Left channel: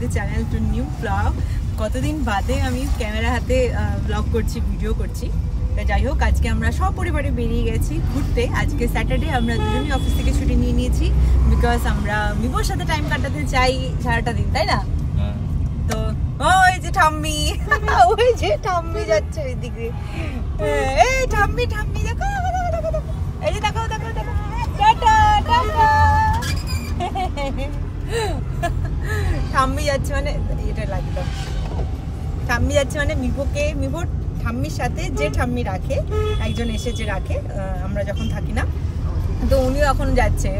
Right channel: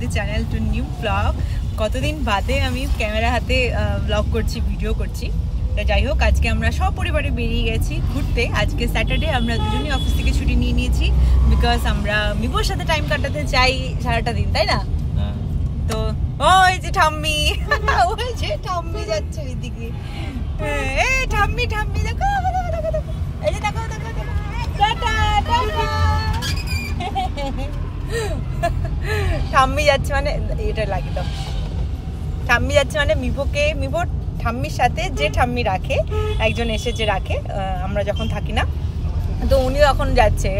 The channel to new blog. কতদিন বাদে আমি ক্যামেরা হাতে ব্লগ করছি, ভিডিও করছি। তো যাই হোক, আজকে আমরা সপরিবারে বেরিয়ে গেছি ঘুরতে। আজকে স্যাটারডে, আমরা দুজনেই অফিস থেকে ছুটি নিয়ে নিয়েছি, বিকজ আমরা মিবোর সাথে টাইম কাটাতে চাই সারাটা দিন, তাই না? তো ওই যে ঠাম্মি, ওই যে ঠাম্মি যাচ্ছে ওইদিকে। এই ঠাম্মি ঠাম্মি দেখো, এই যে দেখো দেখো দেখো, টাটা টাটা। ঠাম্মি যাচ্ছে মানে এটা লাগিয়ে দাও। ঠাম্মি যাচ্ছে মানে মিভোর ঠাম্মির সাথে যে ঠাম্মি রাখে, একজন এসে যে রাখে আমরা যখন থাকি না, তো উনিও এখন যাচ্ছে,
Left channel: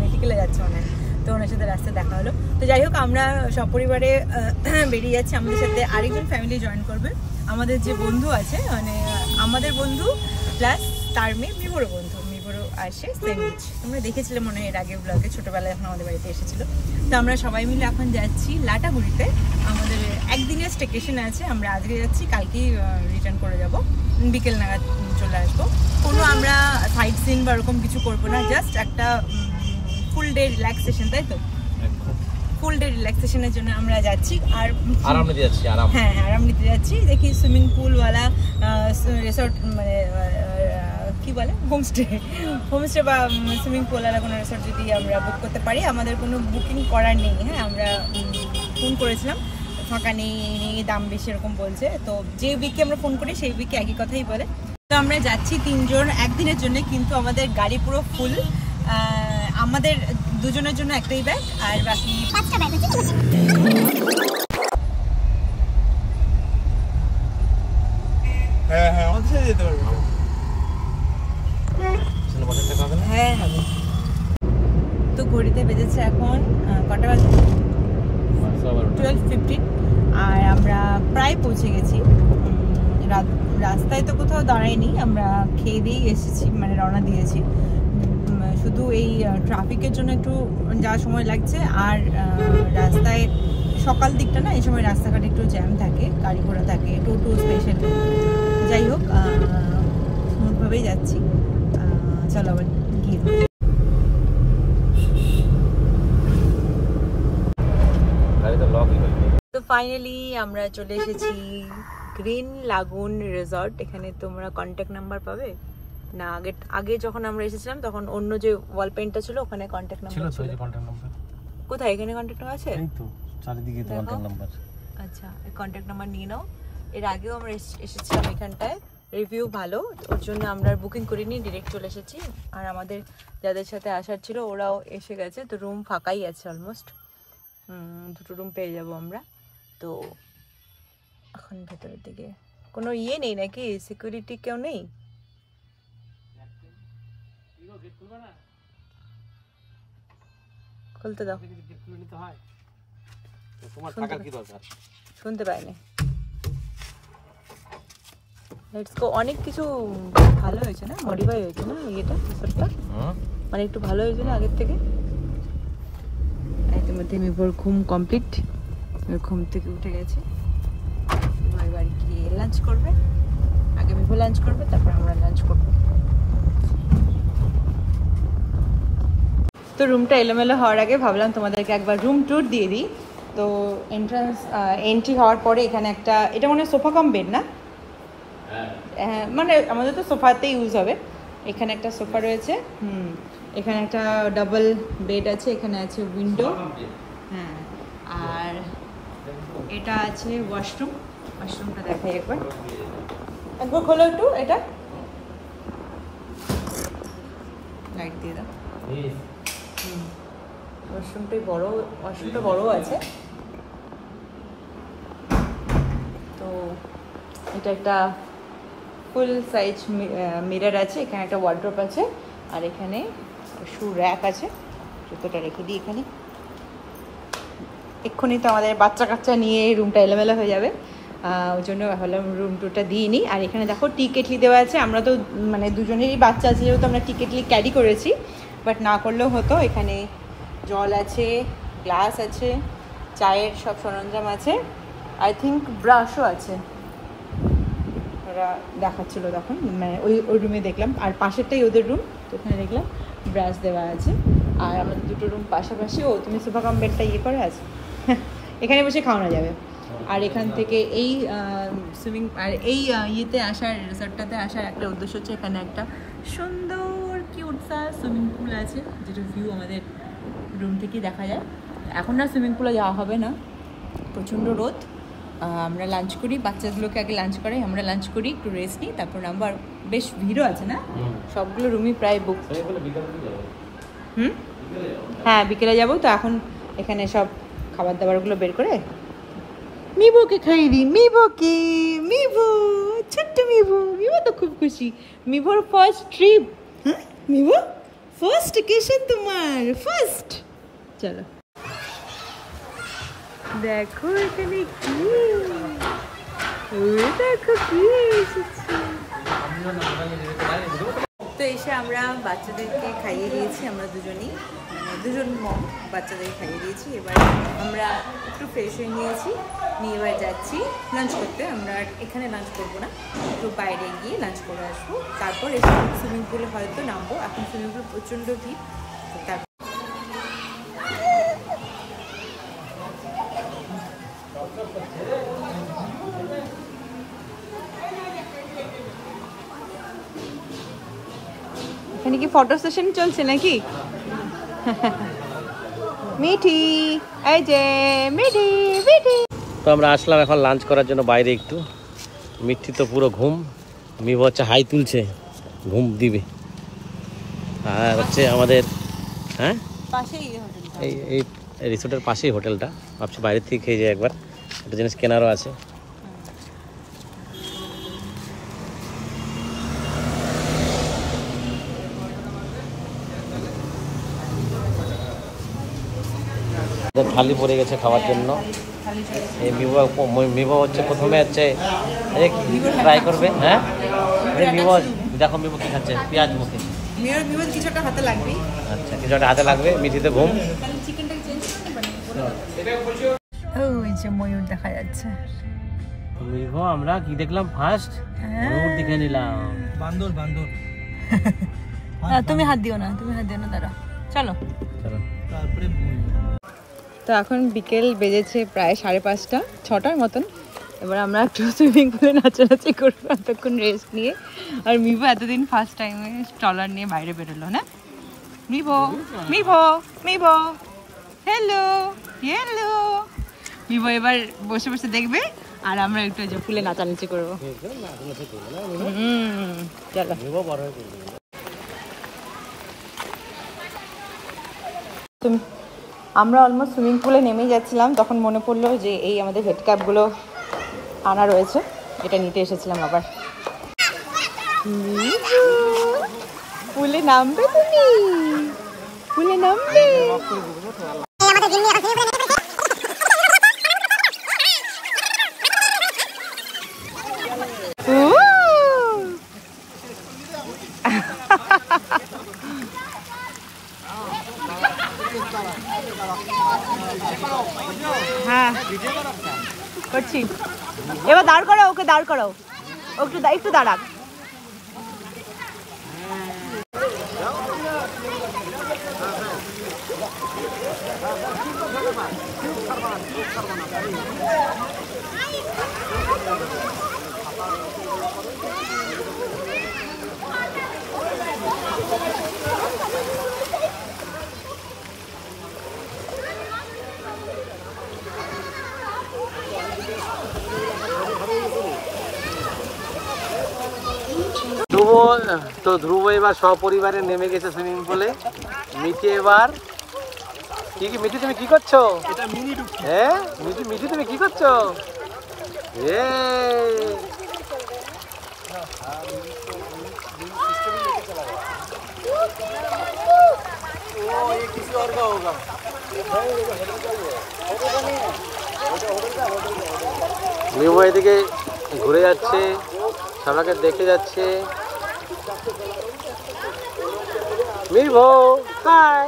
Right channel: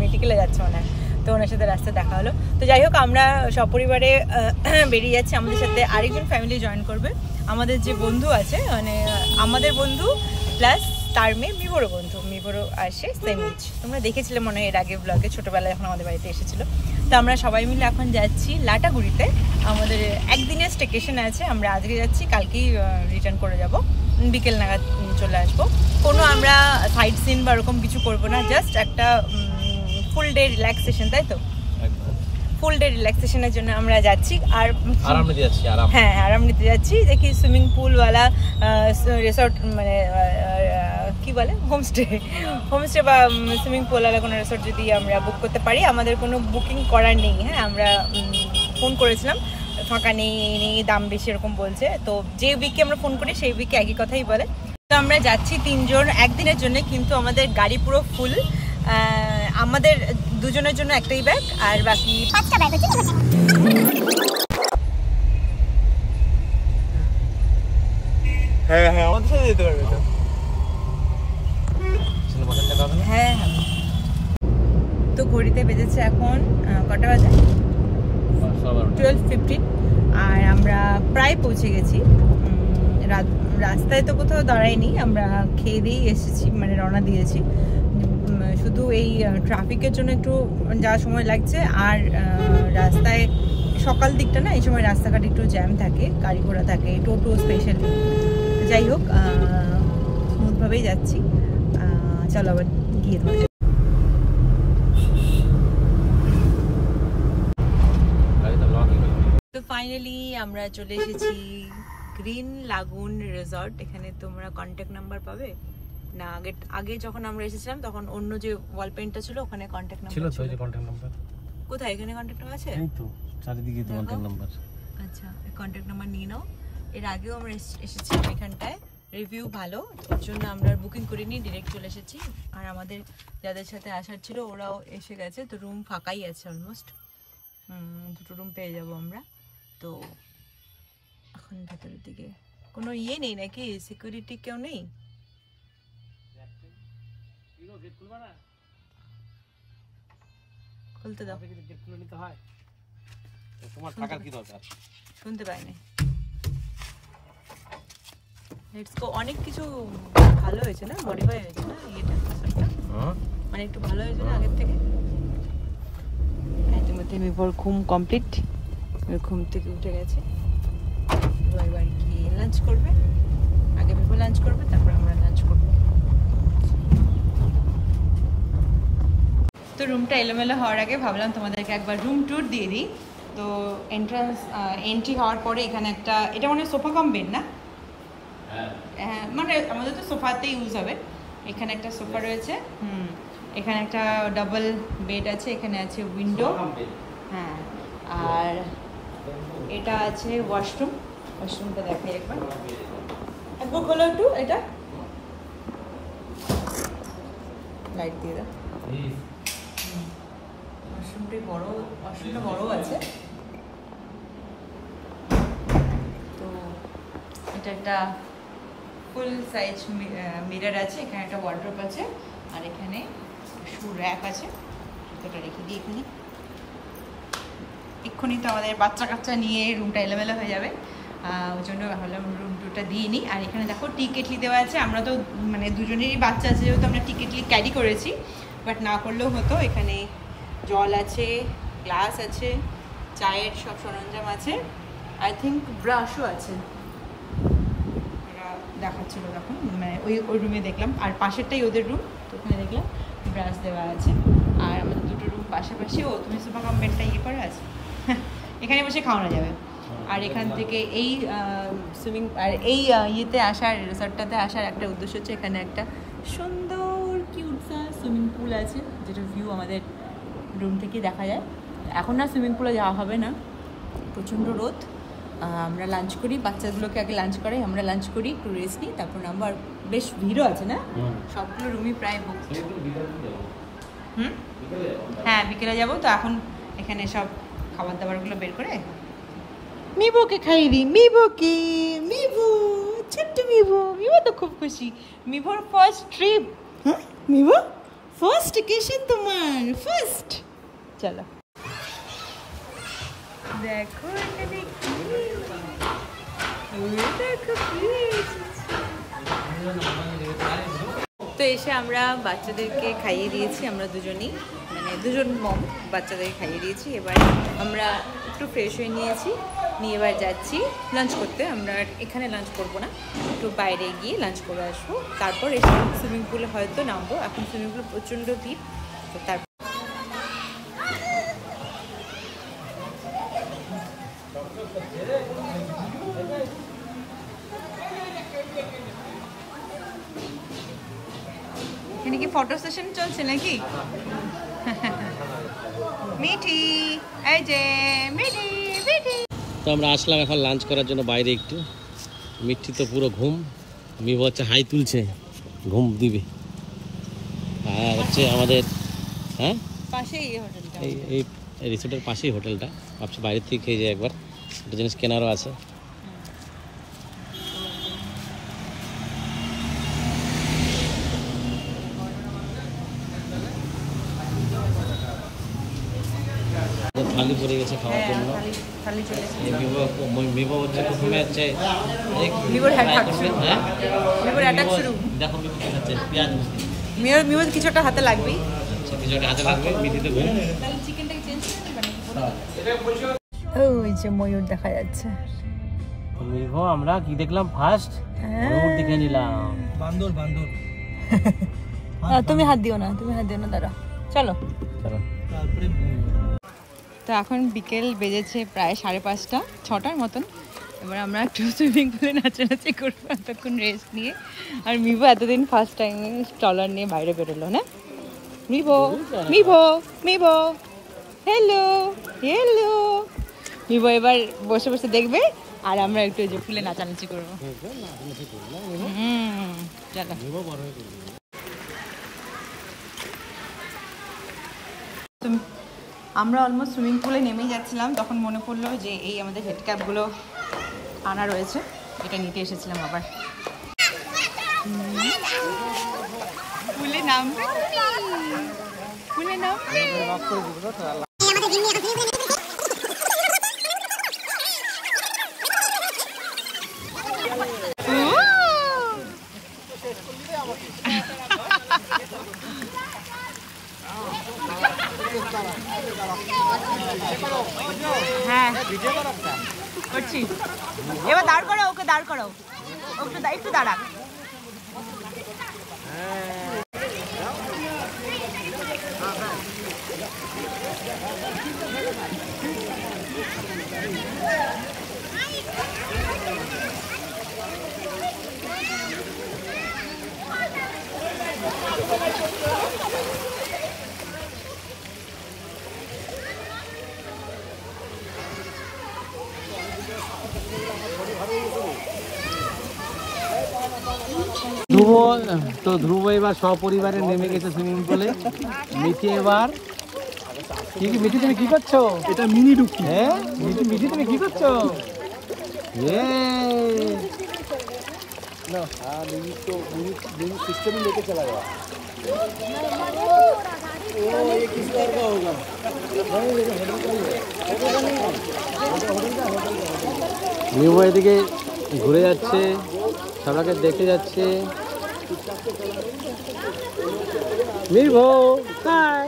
মেডিকেলে যাচ্ছে মানে, তো ওনার সাথে রাস্তায় দেখা হলো। তো যাই হোক, আমরা সপরিবারে বেরিয়ে যাচ্ছি। আমাদের সাথে আরেকজন ফ্যামিলি জয়েন করবে, আমাদের যে বন্ধু আছে, মানে আমাদের বন্ধু প্লাস তার মেয়ে মিভোরও বন্ধু। মিভোরও আসে সেন্ডউইচ, তোমরা দেখেছিলে মনে হয় এর আগে ব্লগে, ছোটোবেলায় এখন আমাদের বাড়িতে এসেছিলো। তো আমরা সবাই মিলে এখন যাচ্ছি লাটাগুড়িতে। আমাদের একদিনের স্টেকেশন আছে, আমরা আজকে যাচ্ছি, কালকেই রিটার্ন করে যাব, বিকেল নাগাদ চলে আসবো। কোনো আমরা সাইট সিন বা ওরকম কিছু করবো না, জাস্ট একটা ফুল ডে রিল্যাক্সেশন, তাই তো? ফুল ডে রিল্যাক্সেশনের জন্য আমরা যাচ্ছি। আর আরাম নিতে যাচ্ছি, হ্যাঁ আরাম নিতে যাচ্ছি। দেখি সুইমিং পুলওয়ালা রিসর্ট, মানে কি বলে, হোমস্টে বা সুইমিং পুলওয়ালা কোনো রিসর্ট যদি আমরা বুক করতে পারি। আমাদের কোনো বুকিং করার নেই, হ্যাঁ আমরা ফোন করেছিলাম, ফাঁকা নেই, দাম বেশি এরকম বলছে। তো যে উইকে আমরা ফোন করি সেই উইকে একই কথাই বলে। তো আমরা যাচ্ছি তিনজন একদিনের জন্য, কিন্তু আমাদের গাড়ি পুরো ফুল। আমাদের দুজনের জন্য একটাই ব্যাগ, আর বাকি 5টা ব্যাগ আছে। হ্যাঁ হ্যাঁ, আমাদের সাথে যেতে পারবে তো। হ্যাঁ হবে। তো ঘড়িতে বেজেছে এখন কটা বাজে? 12:15। আর আমরা প্রায় পৌঁছে গেছি। রাস্তায় তো কোথাও দাঁড়াইনি, আমরা খেয়ে দিয়েই এসেছি, মানে রওনা দিয়েছি। শুধু এই ট্রাফিকের জন্য একটু যাওয়ার সময় লাগছে। আর রাস্তায় সকাল দিকটা না, এই সময় রাস্তাঘাট একটু জ্যাম থাকে, গাড়ি ঘোড়া থাকে, টোটো স্পেশালি। যাই হোক, স্মুথভাবেই যাচ্ছি। চলো আবার গিয়ে ধরো। তো ফাইনালি আমরা চলে এসেছি গ্রিন লাগুন রিসর্ট। এখানে তোমরা কন্ট্যাক্ট নাম্বার পাবে না। আগে যখন আমরা এসেছিলাম তখন অন্য যে ওয়াল পেইন্টটা ছিল, ওখানে কন্ট্যাক্ট নাম্বার ছিল। কন্ট্যাক্ট নাম্বার কোথায়? এখানে কন্ট্যাক্ট নাম্বার আছে, এই তো চারিদিকে তো কন্ট্যাক্ট নাম্বার। আচ্ছা, এই কন্ট্যাক্ট নাম্বার নিয়ে নাও। এর আগেও আমরা এসেছিলাম এখানটায়, রিভিউ ভালো, ওর জন্য আমরা বুকিং করিনি, ডিরেক্ট চলে এসেছি। আর আমাদের যাদের সাথে আসার ছিল ওরাও এসে গেছে, তো রুম ফাঁকাই আছে অলমোস্ট। দুটো রুম পেয়ে যাব আমরা। তো এখন ভেতরের দিকে কোনো ইয়ে নেই নাকি, সিকিউরিটি কেউ নেই? খুলতে দাও, শুনতে পাইনি। Let's go. অনেক কিছু ভালো হয়েছে না, মডিফাই হয়েছে না এটা রিসর্টটা, মানে একটু ভালো হয়েছে না আগের থেকে। ইতিমধ্যে মিভোর ঘুম কমপ্লিট, ঘুম থেকে উঠে গেছে। এবার বাড়ি গিয়ে লাঞ্চ করবে, আগে মিভো লাঞ্চ করবে, তারপর আমরা লাঞ্চ করবো। তো রুমটা এলোমেলো হওয়ার আগে ভাবলাম তোমাদেরকে একবার রুম ট্যুর দিয়ে দিই। তো এন্ট্রি হওয়ার পরে এখানে একটা, এটা মনে হয় সোফা কাম বেড না? হ্যাঁ, মানে আমাদের তো সোফাতে ইউজ হবে। এখানে একটা সোফা রয়েছে, এখানে একটা ডাবল বেড আছে, এখানে আছে উইন্ডো, হ্যাঁ। আর এটা আছে ওয়াশরুম, ওয়াশরুমটা দেখাই একবার, খোলো একটু, এটা লাইট দিয়ে দাও। ওয়াশরুমটা বড় আছে। তো এটা একটা ফুল সাইজ মিরর আছে, এখানে একটা ওয়ার্ড্রপ আছে, আর এখানে শু র্যাক আছে, জুতোটা রেখে দিই এখানে। এক্ষুনি তো আমাদের বাচ্চা কাচ্চা নিয়ে রুমটা এলোমেলো হয়ে যাবে, ওই জন্য ভাবলাম রুম টুরটা দিয়ে নিই। আর এখানে দেখো টি কেটলি দেওয়া আছে। আমরা তো মানে দুজনেরই বাচ্চা আছে, যেহেতু আমরা টি কেটলি ক্যারি করেছি, বাট না করলেও হতো। এখানে জল আছে, গ্লাস আছে, চায়ের সব সরঞ্জাম আছে, আই থিঙ্ক ব্রাশও আছে। ওরা দেখাচ্ছিল তখন, মানে ওই রুমে দেখলাম। আর পাশেরটাই ওদের রুম, ওখানে দেখলাম ব্রাশ দেওয়া আছে। আর আমাদের দুটো রুম পাশাপাশি। ও তুমি সোফা কাম বেডটা ইয়ে করা আছে, এখানে বসে খাওয়ানো যাবে। আর এখান থেকে এই সুইমিং আর এই ইয়েতে আসার রিসর্টটাতে আসার একটা উদ্দেশ্য হচ্ছে এখানে একটা সুন্দর কিউটসা সুইমিং পুল আছে, যেটা ভিউ আমাদের রুম থেকে দেখা যায়। এখন না সুইমিং পুলে যাওয়া হবে না, প্রচণ্ড রোদ। আমরা লাঞ্চ করি, বাচ্চাগুলোকে আগে লাঞ্চ করি, আমরা লাঞ্চ করি, একটু রেস্ট নিই, তারপর আবার বেশ ভিড়ও আছে না, সবগুলো রুমই প্রায় বুক। হ্যাঁ বিকেলে যাবো তো। এখন এখানে সব খাবার দাবারগুলো বের করে মিভোকে খাইয়ে দিই। মিভোকে, মিভো ছোট্ট মিভো, মিভো তো খুব খুশি। মিভোর ফার্স্ট ট্রিপ। হ্যাঁ মিভো ফার্স্ট ভ্যাকেশন তোমার, ফার্স্ট। চলো দেখো এখানে কি, দেখো কি এসেছে। তো এসে আমরা বাচ্চাদেরকে খাইয়ে দিয়েছি, আমরা দুজনেই, মানে দুজন মম বাচ্চাদেরকে খাইয়ে দিয়েছি। এবার আমরা একটু ফ্রেশ হয়ে নিয়েছি, নিয়ে এবার যাচ্ছি লাঞ্চ করতে। আমরা এখানে লাঞ্চ করবো না, একটু বাইরে গিয়ে লাঞ্চ করে আসবো, তারপর এসে সুইমিং পুলে হয়তো নামবো। এখন সুইমিং পুল প্রচণ্ড ভিড়, তারপর এখানে কি ফটো সেশন চলছে নাকি? মিঠি, এই যে মিঠি, মিঠি। তো আমরা আসলাম এখন লাঞ্চ করার জন্য বাইরে একটু। মিঠি তো পুরো ঘুম, মিভো হচ্ছে হাই তুলছে, ঘুম দিবে। আর হচ্ছে আমাদের হ্যাঁ পাশেই হোটেলটা, এই রিসোর্টের পাশেই হোটেলটা। ভাবছি বাইরের থেকে খেয়ে যাই একবার, একটা জিনিস কেনারও আছে। থালি পড়ে গেছে খাওয়ার জন্য। এই মিভো হচ্ছে প্রথমে হচ্ছে ট্রাই করবে। হ্যাঁ মিভো দেখো মিভো কি খাচ্ছে, পেঁয়াজ মুখে। মিভো কিছু একটা হাতে লাগবে। আচ্ছা কিছু একটা হাতে লাগবে, মিঠিতে ঘুম। ওই যে ময়ূর দেখা যাচ্ছে। মিভো আমরা কি দেখলাম ফার্স্ট? ময়ূর দেখে নিলাম। বান্দর বান্দর। তুমি হাত দিও না, তুমি হাত দিও না, দাঁড়া। চলো চলো। তারপরে তো এখন বিকেল বেজেছে প্রায় 5:30, 6টার মতন। এবার আমরা একটু সুইমিং পুলে নাচানাচি করবো, এতক্ষণ রেস্ট নিয়ে। আর মিভো এতদিন ফার্স্ট টাইমে ট্রলার নিয়ে বাইরে বেরোলো না। মিভো, মিভো, মিভো, হ্যালো, হ্যালো। মিভো এবার বসে বসে দেখবে, আর আমরা একটু যে পুলে নাচানাচি করবো। চলো। তুমি আমরা অলমোস্ট সুইমিং পুলে নেমেই যাচ্ছিলাম, তখন মনে পড়লো যে এই আমাদের হেড ক্যাপগুলো আনা রয়েছে, এটা নিতে এসেছিলাম আবার। পুলে নামবে তুমি, পুলে নামবে। হ্যাঁ করছি, এবার দাঁড় করাও, ওকে দাঁড় করাও, একটু দাঁড়াক। ধ্রুব এবার সপরিবারে নেমে গেছে সুইমিং পুলে। মিঠি এবার মিঠি তুমি কি করছো? এটা মিনি ডুবকি। হ্যাঁ মিঠি, মিঠি তুমি কি করছো? মিভো এদিকে ঘুরে যাচ্ছে, সবাইকে দেখে যাচ্ছে। মিভো হাই,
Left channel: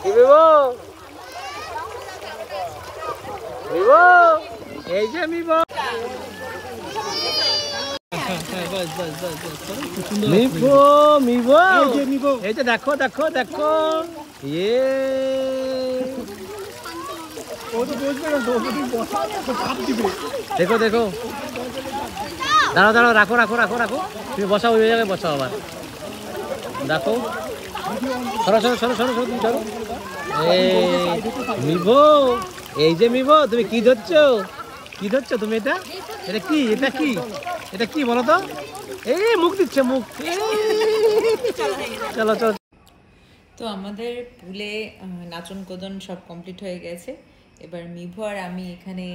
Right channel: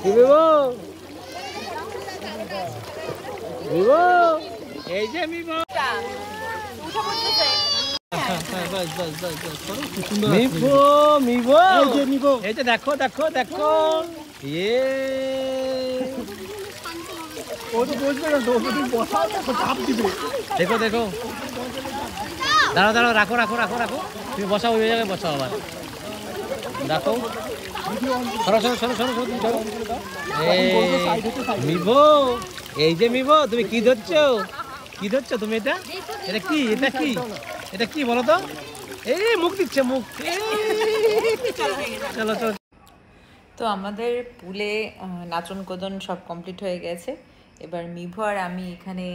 কি মিভো? মিভো এই যে মিভো, মিভো মিভো এই যে দেখো দেখো দেখো, ইয়ে দেখো দেখো, দাঁড়াও দাঁড়াও, রাখো রাখো রাখো রাখো, তুমি বসাও, ওই জায়গায় বসাও আবার, দেখো, সরো সরো সরো সরো সরো, তুমি সরো। মিভো, এই যে মিভো, তুমি কি ধরছো, কি ধরছো তুমি? এটা এটা কি, এটা কি, এটা কি বলো তো? এই মুখ দিচ্ছে, মুখ। চলো চলো। তো আমাদের পুলে নাচন কোদন সব কমপ্লিট হয়ে গেছে। এবার মিভু আর আমি এখানে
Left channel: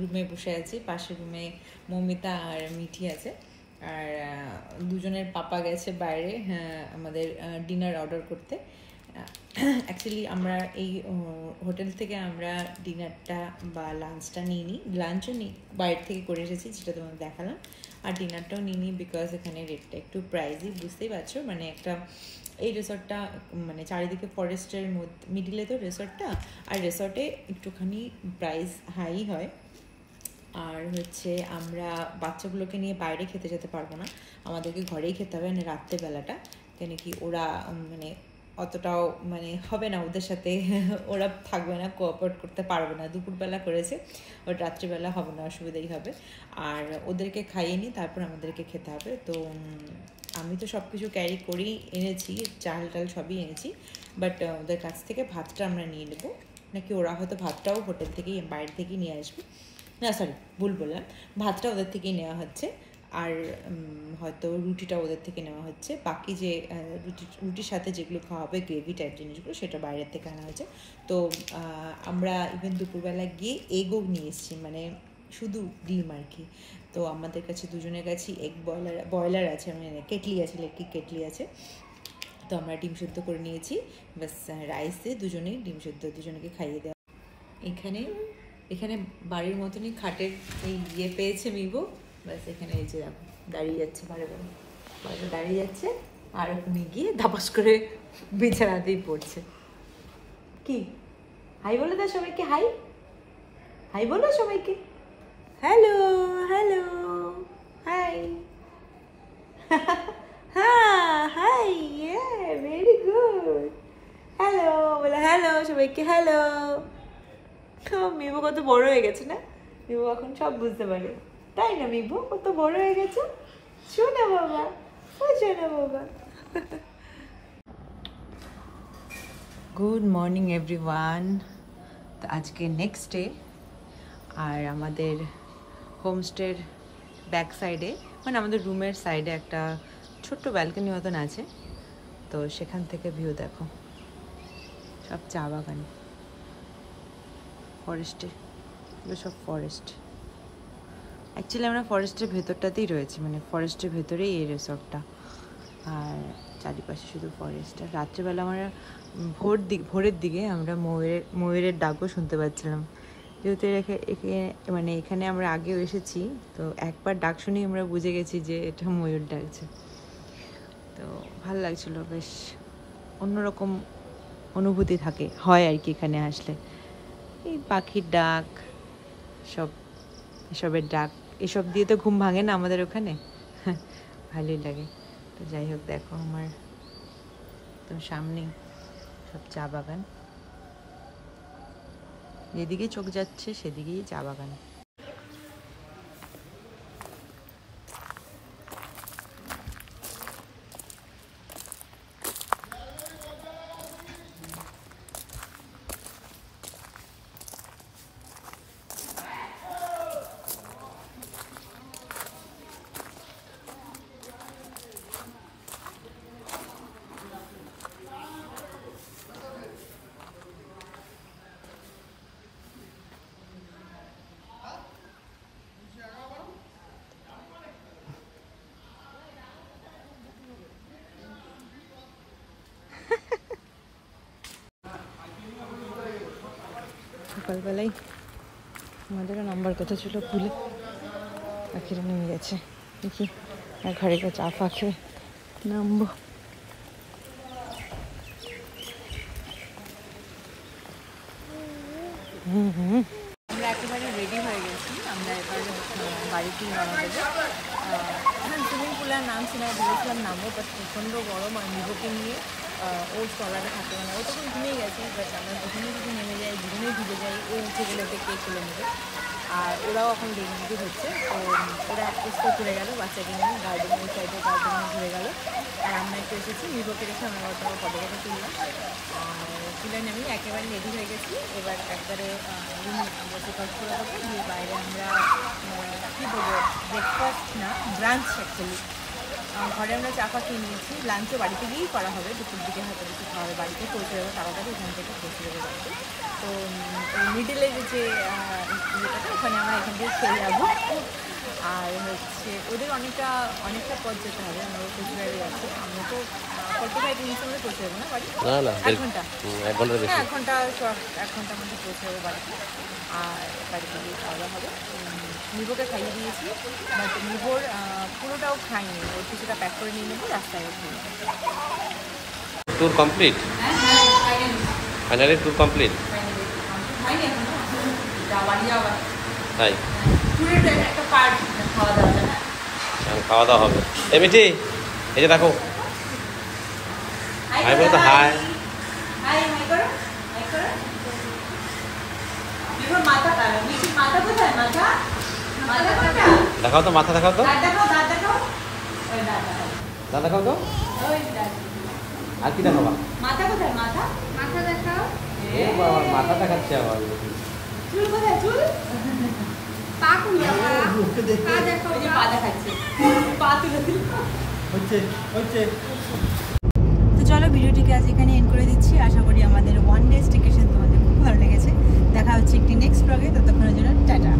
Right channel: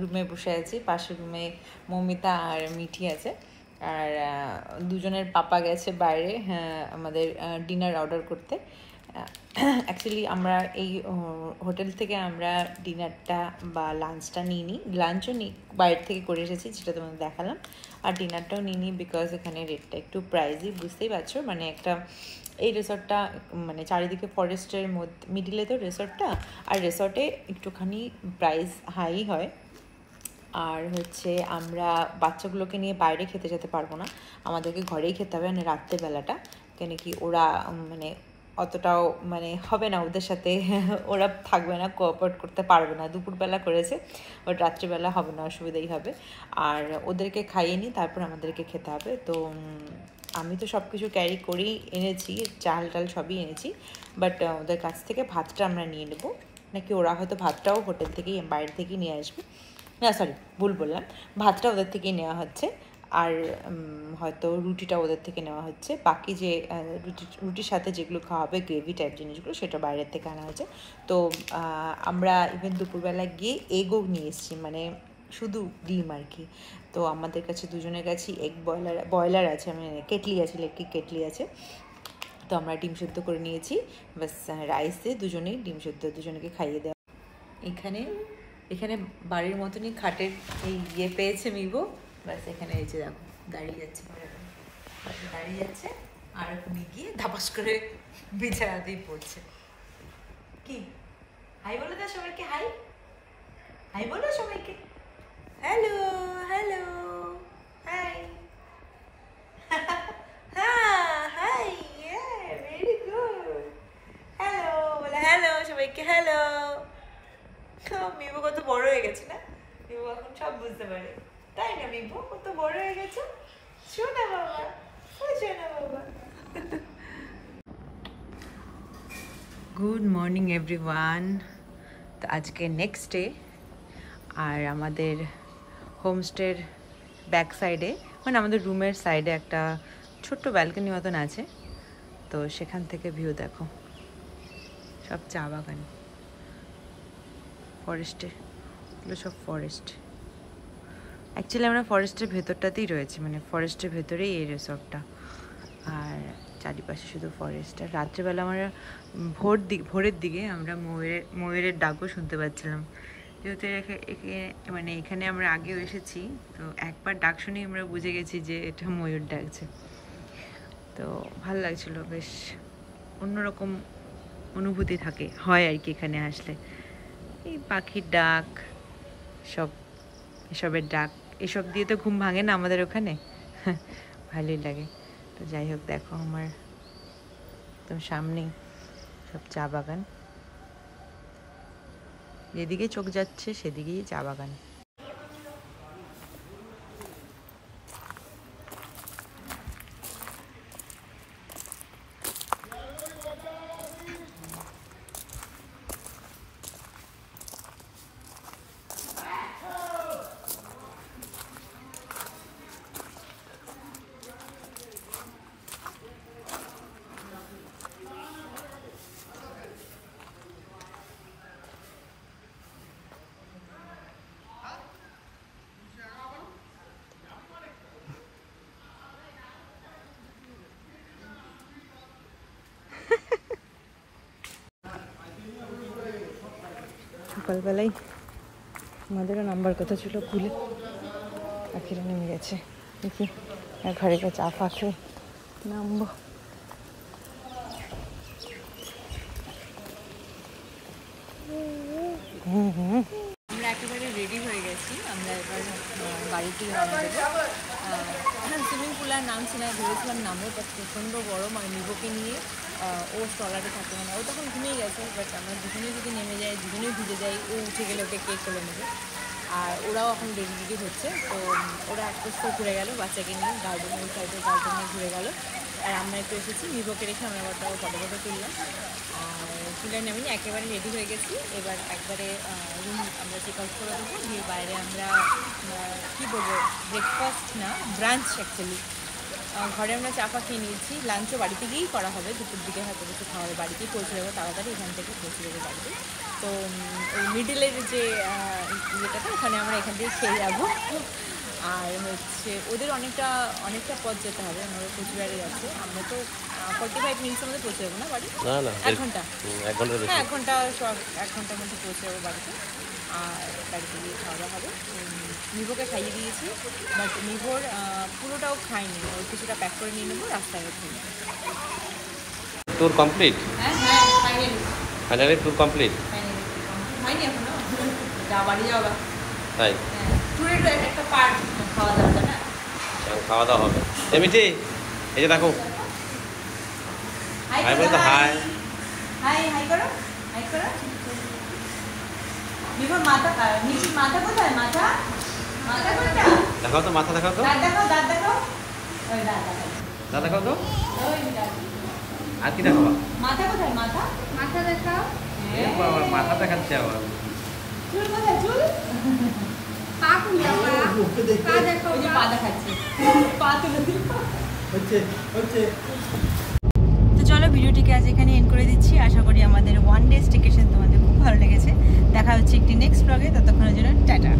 রুমে বসে আছি, পাশের রুমে মৌমিতা আর মিঠি আছে, আর দুজনের পাপা গেছে বাইরে আমাদের ডিনার অর্ডার করতে। অ্যাকচুয়ালি আমরা এই হোটেল থেকে আমরা ডিনারটা বা লাঞ্চটা নিইনি, লাঞ্চও বাইরে থেকে করে এসেছি, যেটা তোমাদের দেখালাম, আর ডিনারটাও নিইনি বিকজ এখানে রেটটা একটু প্রাইজই, বুঝতেই পারছো। মানে একটা এই রিসর্টটা মানে চারিদিকে ফরেস্টের মধ্যে, মিডিলে তো রিসর্টটা, আর রিসর্টে একটুখানি প্রাইস হাই হয়। আর হচ্ছে আমরা বাচ্চাগুলোকে নিয়ে বাইরে খেতে যেতে পারবো না, আমাদেরকে ঘরেই খেতে হবে, মানে রাত্রেবেলাটা, কেন কি ওরা মানে অতটাও মানে হবে না ওদের সাথে, ওরা থাকবে না, কোঅপারেট করতে পারবে না। দুপুরবেলা করেছে, ওর রাত্রিবেলা হবে না, অসুবিধাই হবে। আর ওদেরকে খাইয়ে নিই, তারপর আমাদেরকে খেতে হবে। তো আমি তো সব কিছু ক্যারি করেই এনেছি, চাল টাল সবই এনেছি, বাট ওদের কাছ থেকে ভাতটা আমরা নিয়ে নেবো, নাকি ওরা হয়তো ভাতটাও হোটেল থেকেই বাইরে থেকেই নিয়ে আসবে, না সরি ভুল বললাম, ভাতটা ওদের থেকেই নেওয়া হচ্ছে, আর হয়তো রুটিটা ওদের থেকে নেওয়া হচ্ছে, বাকি যে রুটির সাথে যেগুলো খাওয়া হবে গ্রেভি টাইপ জিনিসগুলো সেটা বাইরের থেকে আনা হয়েছে। তো আমরা ইভেন দুপুরবেলা গিয়ে এগও নিয়ে এসেছি, মানে শুধু ডিম আর কি। তো আমাদের কাছে দুজনের কাছেই এগ বয়লার আছে, মানে কেটলি আছে, ইলেকট্রিক কেটলি আছে। তো আমরা ডিম সেদ্ধ করে নিয়েছি, বাস রাইস দিয়ে দুজনেই ডিম সেদ্ধ দুজনকে খাইয়ে দেওয়া। এখানে বাড়ির মতনই খাটের এই ইয়ে পেয়েছে মিভো, ব্যাস এখানে এই যে দেখো দাঁড়িয়ে যাচ্ছে, বাইরে দাঁড়িয়ে যাচ্ছে, আর ওখানে গিয়ে ধপাস করে বিছানাতেই পড়ছে। কি হাই বলে দাও সবাইকে, হাই হাই বলো সবাইকে, হ্যালো হ্যালো হাই, হ্যাঁ হাই, ভেরি গুড, হ্যালো বলে, হ্যালো সবাইকে, হ্যালো। তো মিভু কত বড় হয়ে গেছে না, মিভু এখন সব বুঝতে পারে, তাই না মিভু? কত বড় হয়ে গেছে, শোনা বাবা, ও শোনা বাবা। Good morning everyone. তো আজকে নেক্সট ডে, আর আমাদের হোমস্টের ব্যাক সাইডে, মানে আমাদের রুমের সাইডে একটা ছোট্ট ব্যালকনি মতন আছে, তো সেখান থেকে ভিউ দেখো, সব চা বাগান, ফরেস্টে, এগুলো সব ফরেস্ট। অ্যাকচুয়ালি আমরা ফরেস্টের ভেতরটাতেই রয়েছি, মানে ফরেস্টের ভেতরেই এই রিসর্টটা, আর চারিপাশে শুধু ফরেস্ট। আর রাত্রেবেলা আমরা ভোরের দিকে আমরা ময়ূরের ডাকও শুনতে পাচ্ছিলাম, যেহেতু মানে এখানে আমরা আগেও এসেছি, তো একবার ডাক শুনেই আমরা বুঝে গেছি যে এটা ময়ূর ডাকছে। তো ভালো লাগছিল, বেশ অন্যরকম অনুভূতি হয় আর কি এখানে আসলে। এই পাখির ডাক, এসবের ডাক, এসব দিয়ে তো ঘুম ভাঙে না আমাদের ওখানে, ভালোই লাগে। তো যাই হোক, দেখো আমার তো সামনেই সব চা বাগান, যেদিকে চোখ যাচ্ছে সেদিকেই চা বাগান। সকালবেলায় আমাদেরও নাম্বার কথা ছিল, ভুলে পাখিরা নেমে গেছে, দেখি ঘরে গিয়ে চা ফা খেয়ে নামবো। আমরা একেবারে রেডি হয়ে গেছি, আমরা এবার বাড়ির দিকে রওনা দেবো। সুইমিং পুলের নাম ছিল, ভেবেছিলাম নামবো, বাট প্রচণ্ড গরম, আর মিভোকে নিয়ে ও স্টলারে থাকে, মানে ও তখন ঘুমিয়ে গেছে, বাট আমরা দুজনেই যদি নেমে যাই, দুজনেই ভিজে যাই, ও উঠে গেলে ওকে কেক করে নেবে। আর ওরাও এখন রেডি হচ্ছে, তো ওরা এক পোস্ট ঘুরে গেল বাচ্চাকে নিয়ে গার্ডেনে, ওই সাইডে গার্ডেনে ঘুরে গেল। আর আমরা একটু এসেছি মিভোকে রেখে, আমরা ওটা ফটো তুললাম। আর তুলে নামিনি, একেবারে রেডি হয়ে গেছি। এবার একবারে রুম আমরা চেক আউট করে দেবো, দিয়ে বাইরে আমরা কী বলবো, ব্রেকফাস্ট না ব্রাঞ্চ অ্যাকচুয়ালি, ঘরে আমরা চা খেয়ে নিয়েছি। লাঞ্চও বাড়িতে গিয়েই করা হবে, দুপুর দিকে হয়তো কিছু খাওয়া হবে, বাড়িতেই পৌঁছে যাবো তাড়াতাড়ি, এখান থেকে পৌঁছে যাবো বাড়িতে। তো ওই মিডিলের যে ইয়েটাতে ওখানে আমরা এখান থেকে খেয়ে যাবো। আর হচ্ছে ওদের অনেকটা পথ যেতে হবে, আমরা কোচবিহারে যাচ্ছে, আমরা তো 45 মিনিটের মধ্যে পৌঁছে যাবো না বাড়ি, 1 ঘন্টা, হ্যাঁ 1 ঘন্টার মধ্যে পৌঁছে যাবো বাড়িতে। আর বাড়িতে গিয়ে খাওয়া দাওয়া হবে। মিভোকে খাইয়ে দিয়েছি, বাট মিভোর পুরোটাও খাইনি, ওর কিছুটা প্যাক করে নিয়ে নেবো, রাস্তায় ও খেয়ে নেবো। Tour complete? হ্যাঁ ফাইনালি ট্যুর কমপ্লিট। হয়নি এখনো, বাড়ি যাওয়া তাই ট্যুরের একটা পার্ট খাওয়া দাওয়াটা না, খাওয়া দাওয়া হবে। এমনিটি এই যে দেখো, হাই বলো তো, হাই হাই করো, হাই করো। মিভোর মাথা কোথায়, মাথা কোথায়? দেখাও তো, মাথা দেখাও তো, দাঁত দেখাও, ওই দাঁত দেখাও তো, ওই দাঁত। আর কি দেখাবা? মাথা কোথায়, মাথা দেখাও। এ বাবা, মাথা দেখাচ্ছে আবার। চুল কোথায়, চুল? পা কোনটা, পা দেখাও, পা দেখাচ্ছে, পা তুলে দিল। তো চলো ভিডিওটিকে আজ এখানে এন্ড করে দিচ্ছি। আশা করি আমাদের 1 ডে স্টেকেশন তোমাদের খুব ভালো লেগেছে। দেখা হচ্ছে একটি নেক্সট ব্লগে, ততক্ষণের জন্য টাটা।